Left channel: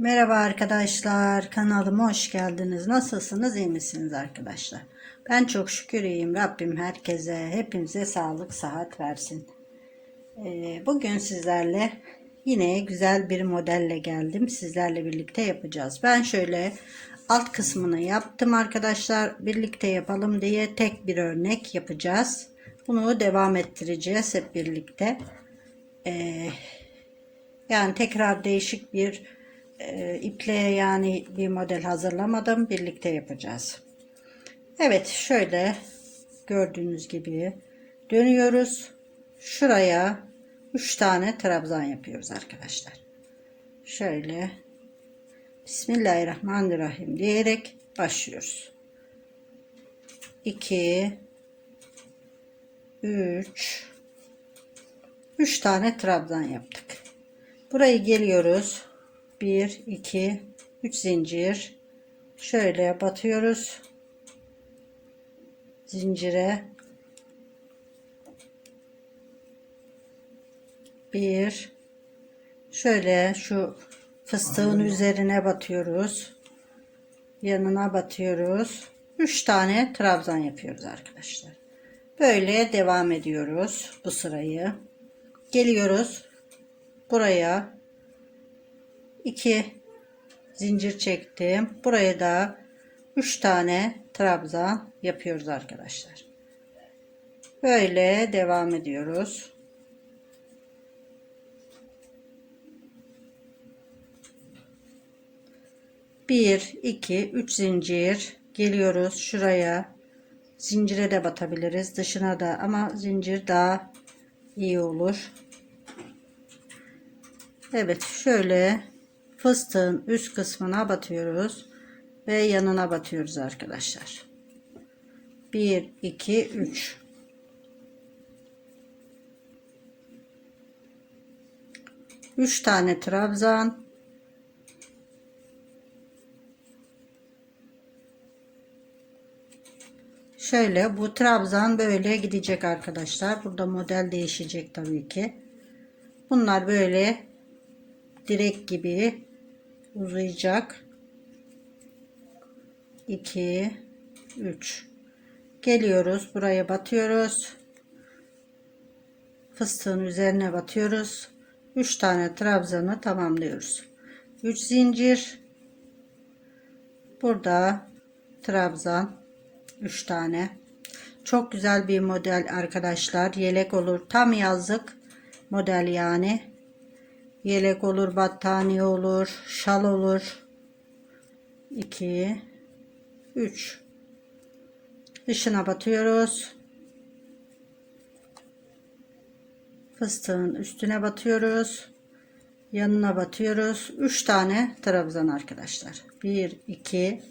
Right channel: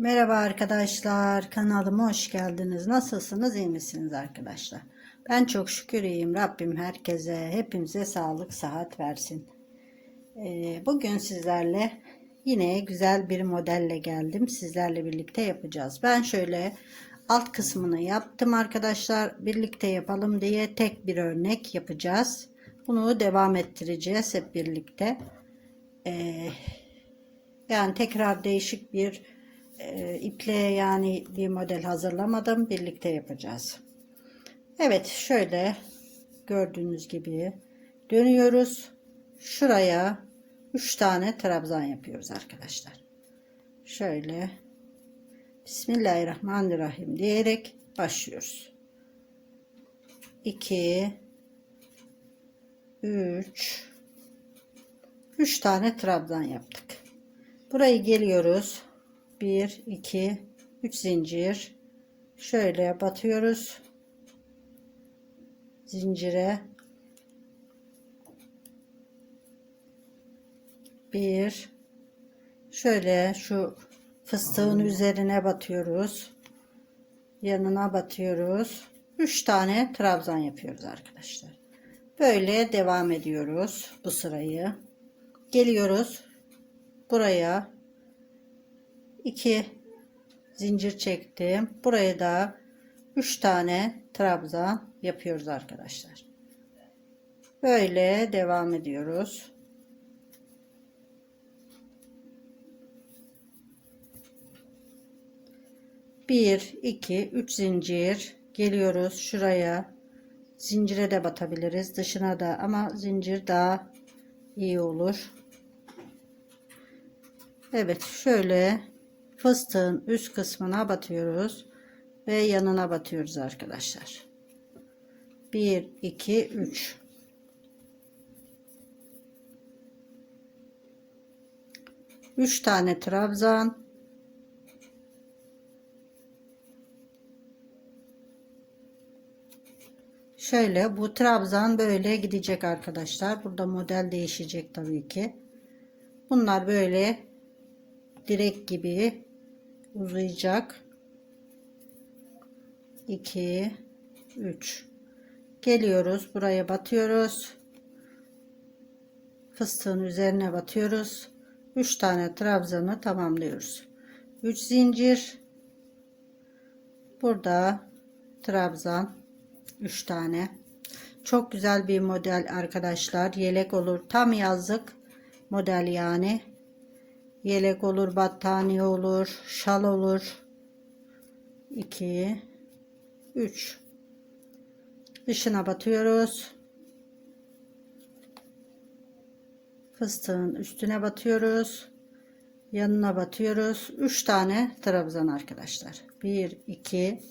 Merhaba arkadaşlar, kanalıma hoş geldiniz. Nasılsınız, iyi misiniz arkadaşlar? Ben çok şükür iyiyim. Rabbim herkese, hepimize sağlık, sıhhat versin. Ee, bugün sizlerle yine güzel bir modelle geldim. Sizlerle birlikte yapacağız. Ben şöyle alt kısmını yaptım arkadaşlar. Birlikte yapalım diye tek bir örnek yapacağız. Bunu devam ettireceğiz hep birlikte. Ee, yani tekrar değişik bir e, iple yani bir model hazırlamadım. Birlikte yapacağız. Evet şöyle gördüğünüz gibi dönüyoruz. Şuraya 3 tane trabzan yapıyoruz arkadaşlar. Şöyle Bismillahirrahmanirrahim diyerek başlıyoruz. 2 3 3 tane trabzan yaptık. Burayı geliyoruz. 1 2 3 zincir şöyle batıyoruz. Zincire 1 şöyle şu fıstığın üzerine batıyoruz. Yanına batıyoruz. 3 tane trabzan yapıyoruz arkadaşlar. Böyle devam ediyoruz bu sırayı. Geliyoruz buraya 2 zincir çektim. Buraya da 3 tane trabzan yapıyoruz arkadaşlar. Böyle devam ediyoruz. Bir, iki, üç zincir geliyoruz şuraya. Zincire de batabiliriz dışına da ama zincir daha iyi olur. Evet şöyle fıstığın üst kısmına batıyoruz ve yanına batıyoruz arkadaşlar. 1 2 3 3 tane trabzan Şöyle bu trabzan böyle gidecek arkadaşlar. Burada model değişecek tabii ki. Bunlar böyle direk gibi uzayacak. 2 3 geliyoruz buraya batıyoruz. Fıstığın üzerine batıyoruz. 3 tane trabzanı tamamlıyoruz. 3 zincir. Burada trabzan 3 tane. Çok güzel bir model arkadaşlar. Yelek olur. Tam yazlık model yani Yelek olur, battaniye olur, şal olur. 2 3 Dışına batıyoruz. Fıstığın üstüne batıyoruz. Yanına batıyoruz. 3 tane trabzan arkadaşlar. 1 2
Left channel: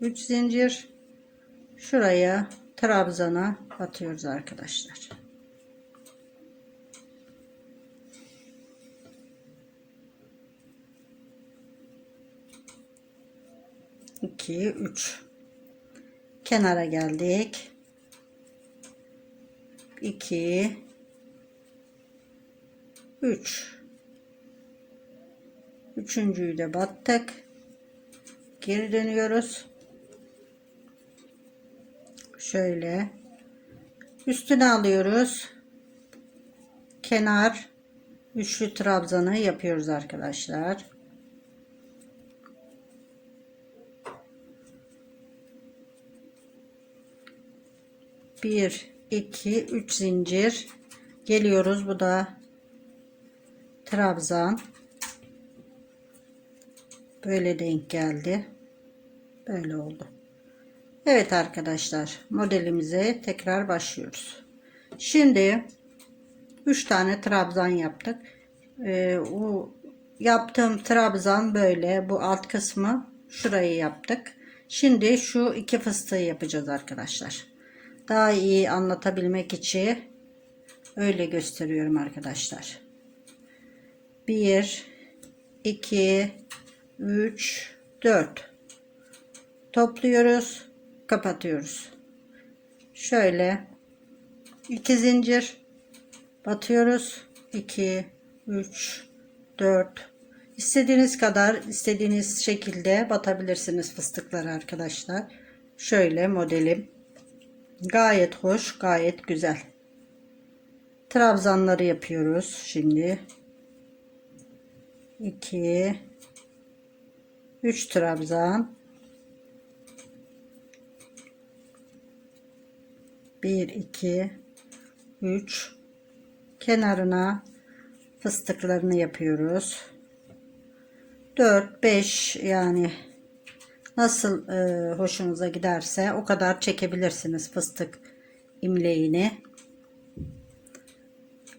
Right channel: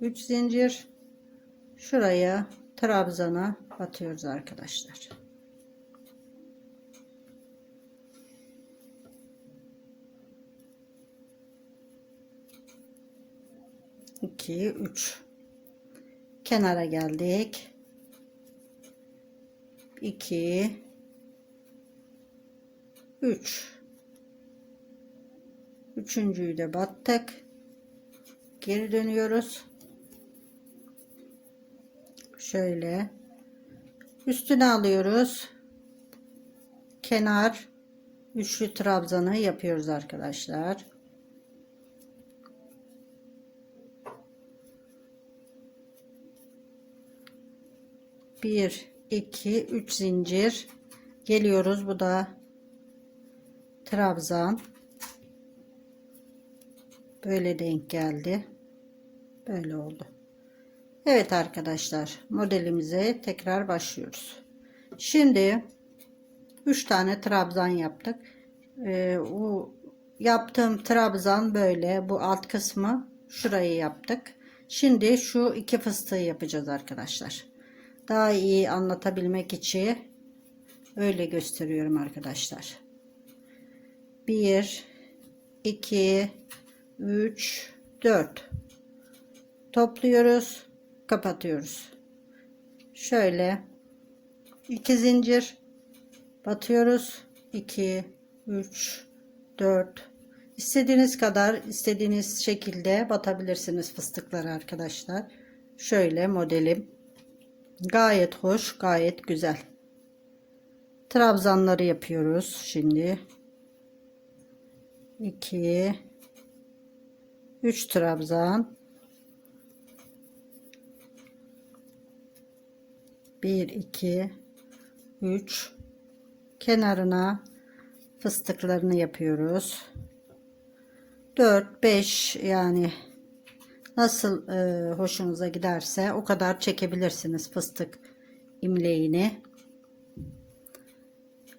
3 zincir. Şuraya trabzana batıyoruz arkadaşlar. 2 3 kenara geldik. 2 3 üçüncüyü de battık. Geri dönüyoruz. Şöyle. Üstüne alıyoruz. Kenar. Üçlü trabzanı yapıyoruz arkadaşlar 1 2 3 zincir. Geliyoruz bu da trabzan. Böyle denk geldi. Böyle oldu. Evet arkadaşlar modelimize tekrar başlıyoruz. Şimdi 3 tane trabzan yaptık. Ee, o yaptığım trabzan böyle. Bu alt kısmı şurayı yaptık. Şimdi şu iki fıstığı yapacağız arkadaşlar daha iyi anlatabilmek için öyle gösteriyorum arkadaşlar. 1 2 3 4 topluyoruz kapatıyoruz şöyle 2 zincir batıyoruz 2 3 4 İstediğiniz kadar, istediğiniz şekilde batabilirsiniz fıstıkları arkadaşlar. Şöyle modelim. Gayet hoş, gayet güzel. Trabzanları yapıyoruz şimdi. 2 3 trabzan 1 2 3 kenarına fıstıklarını yapıyoruz 4 5 yani nasıl e, hoşunuza giderse o kadar çekebilirsiniz fıstık imleğini.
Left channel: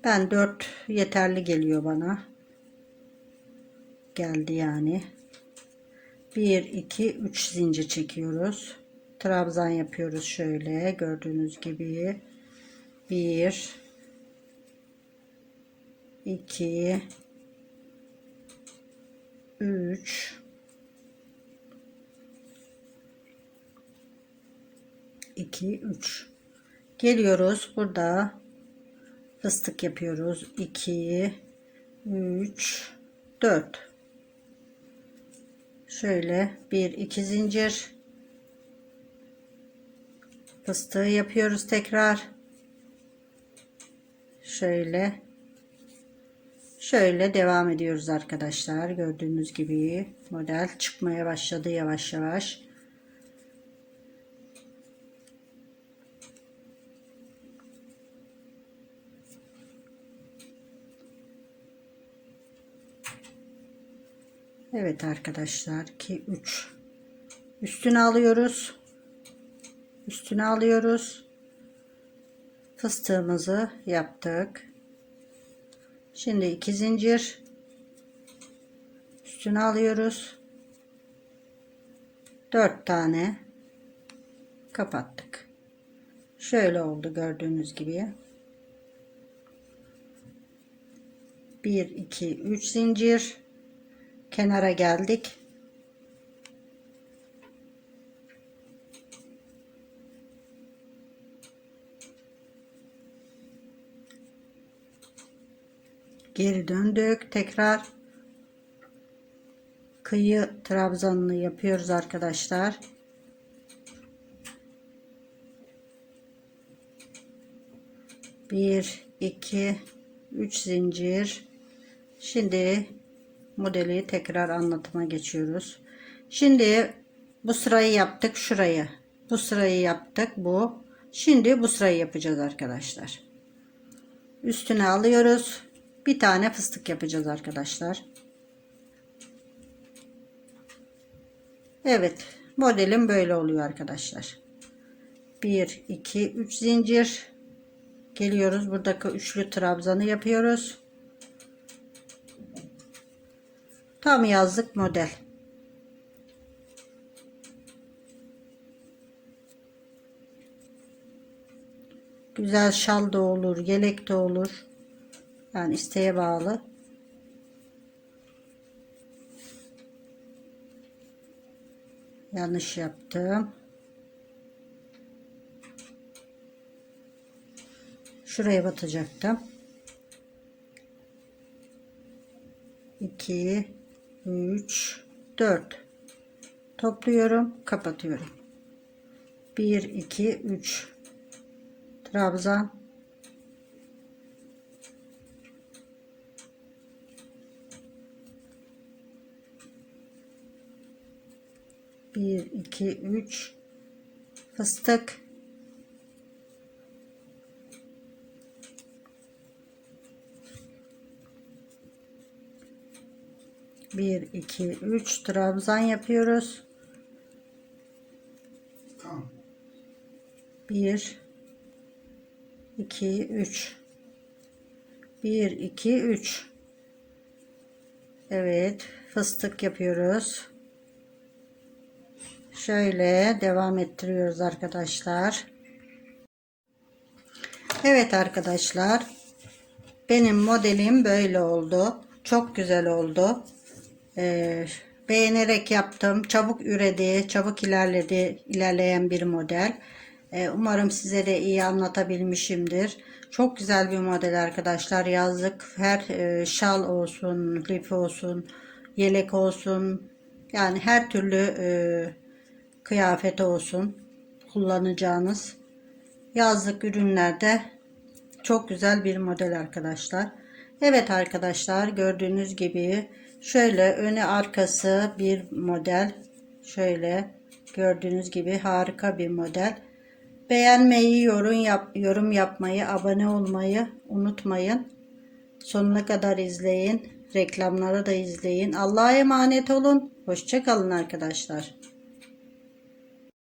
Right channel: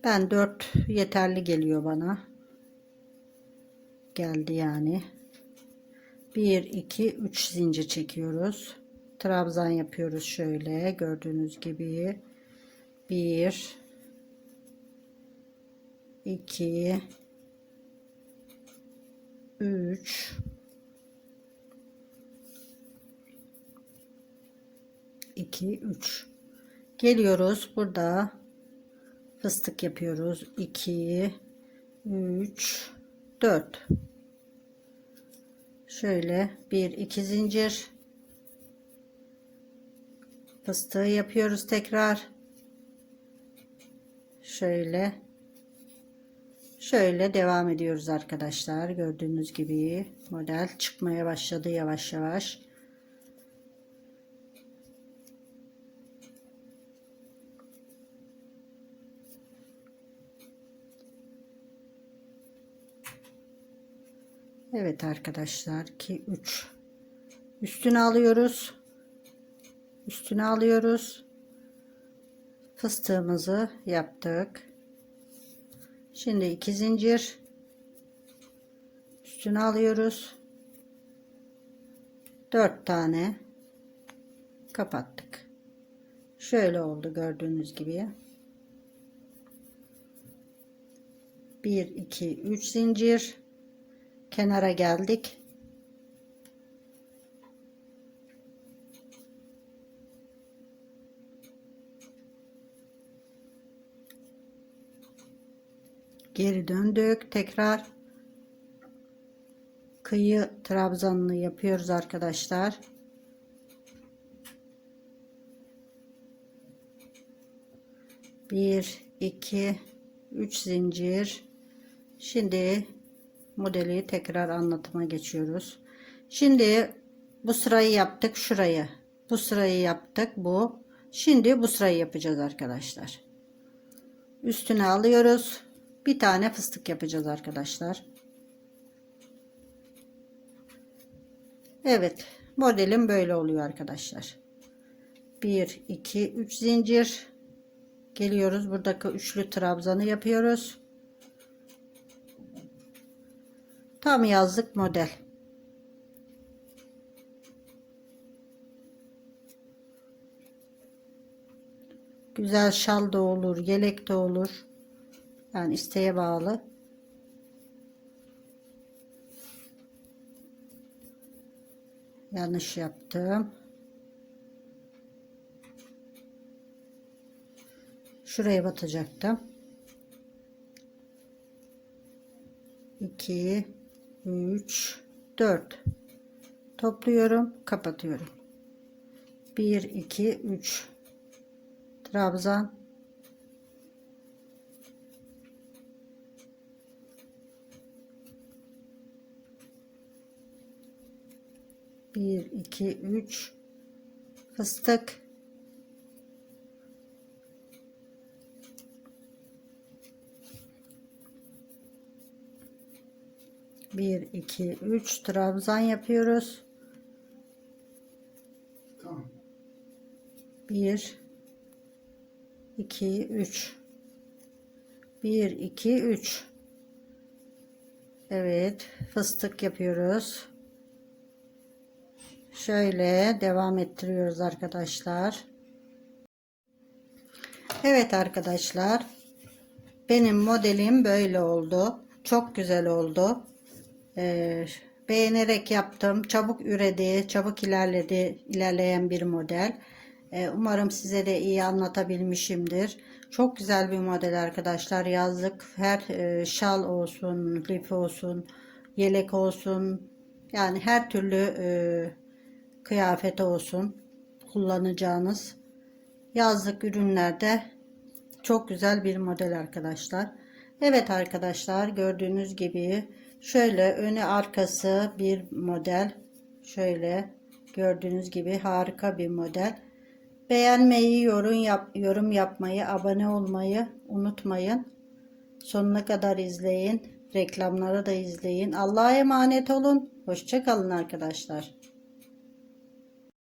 Ben 4 yeterli geliyor bana. Geldi yani. 1 2 3 zincir çekiyoruz. Trabzan yapıyoruz şöyle gördüğünüz gibi. 1 2 3 2 3 geliyoruz. Burada fıstık yapıyoruz. 2 3 4 şöyle 1 2 zincir. Fıstığı yapıyoruz tekrar. Şöyle. Şöyle devam ediyoruz arkadaşlar. Gördüğünüz gibi model çıkmaya başladı yavaş yavaş Evet arkadaşlar 2 3 üstüne alıyoruz. Üstüne alıyoruz. Fıstığımızı yaptık. Şimdi iki zincir. Üstüne alıyoruz. Dört tane kapattık. Şöyle oldu gördüğünüz gibi. 1 2 3 zincir kenara geldik. Geri döndük. Tekrar kıyı trabzanını yapıyoruz arkadaşlar. Bir iki üç zincir. Şimdi modeli tekrar anlatıma geçiyoruz şimdi bu sırayı yaptık şurayı bu sırayı yaptık bu şimdi bu sırayı yapacağız arkadaşlar üstüne alıyoruz bir tane fıstık yapacağız arkadaşlar. Evet modelim böyle oluyor arkadaşlar. 1 2 3 zincir geliyoruz buradaki üçlü trabzanı yapıyoruz. Tam yazlık model. Güzel şal da olur, yelek de olur. Yani isteğe bağlı. Yanlış yaptım. Şuraya batacaktım. 2 3 4 topluyorum, kapatıyorum. 1 2 3 trabzan bir iki üç. Fıstık bir iki üç trabzan yapıyoruz Tamam. bir iki üç bir iki üç evet fıstık yapıyoruz Şöyle devam ettiriyoruz arkadaşlar. Evet arkadaşlar. Benim modelim böyle oldu. Çok güzel oldu. Ee, beğenerek yaptım. Çabuk üredi, çabuk ilerledi, ilerleyen bir model. Ee, umarım size de iyi anlatabilmişimdir. Çok güzel bir model arkadaşlar. Yazlık her e, şal olsun, lif olsun, yelek olsun yani her türlü e, kıyafet olsun kullanacağınız yazlık ürünlerde çok güzel bir model arkadaşlar. Evet arkadaşlar gördüğünüz gibi şöyle önü arkası bir model. Şöyle gördüğünüz gibi harika bir model. Beğenmeyi, yorum, yap, yorum yapmayı, abone olmayı unutmayın. Sonuna kadar izleyin. Reklamları da izleyin. Allah'a emanet olun. Hoşçakalın arkadaşlar.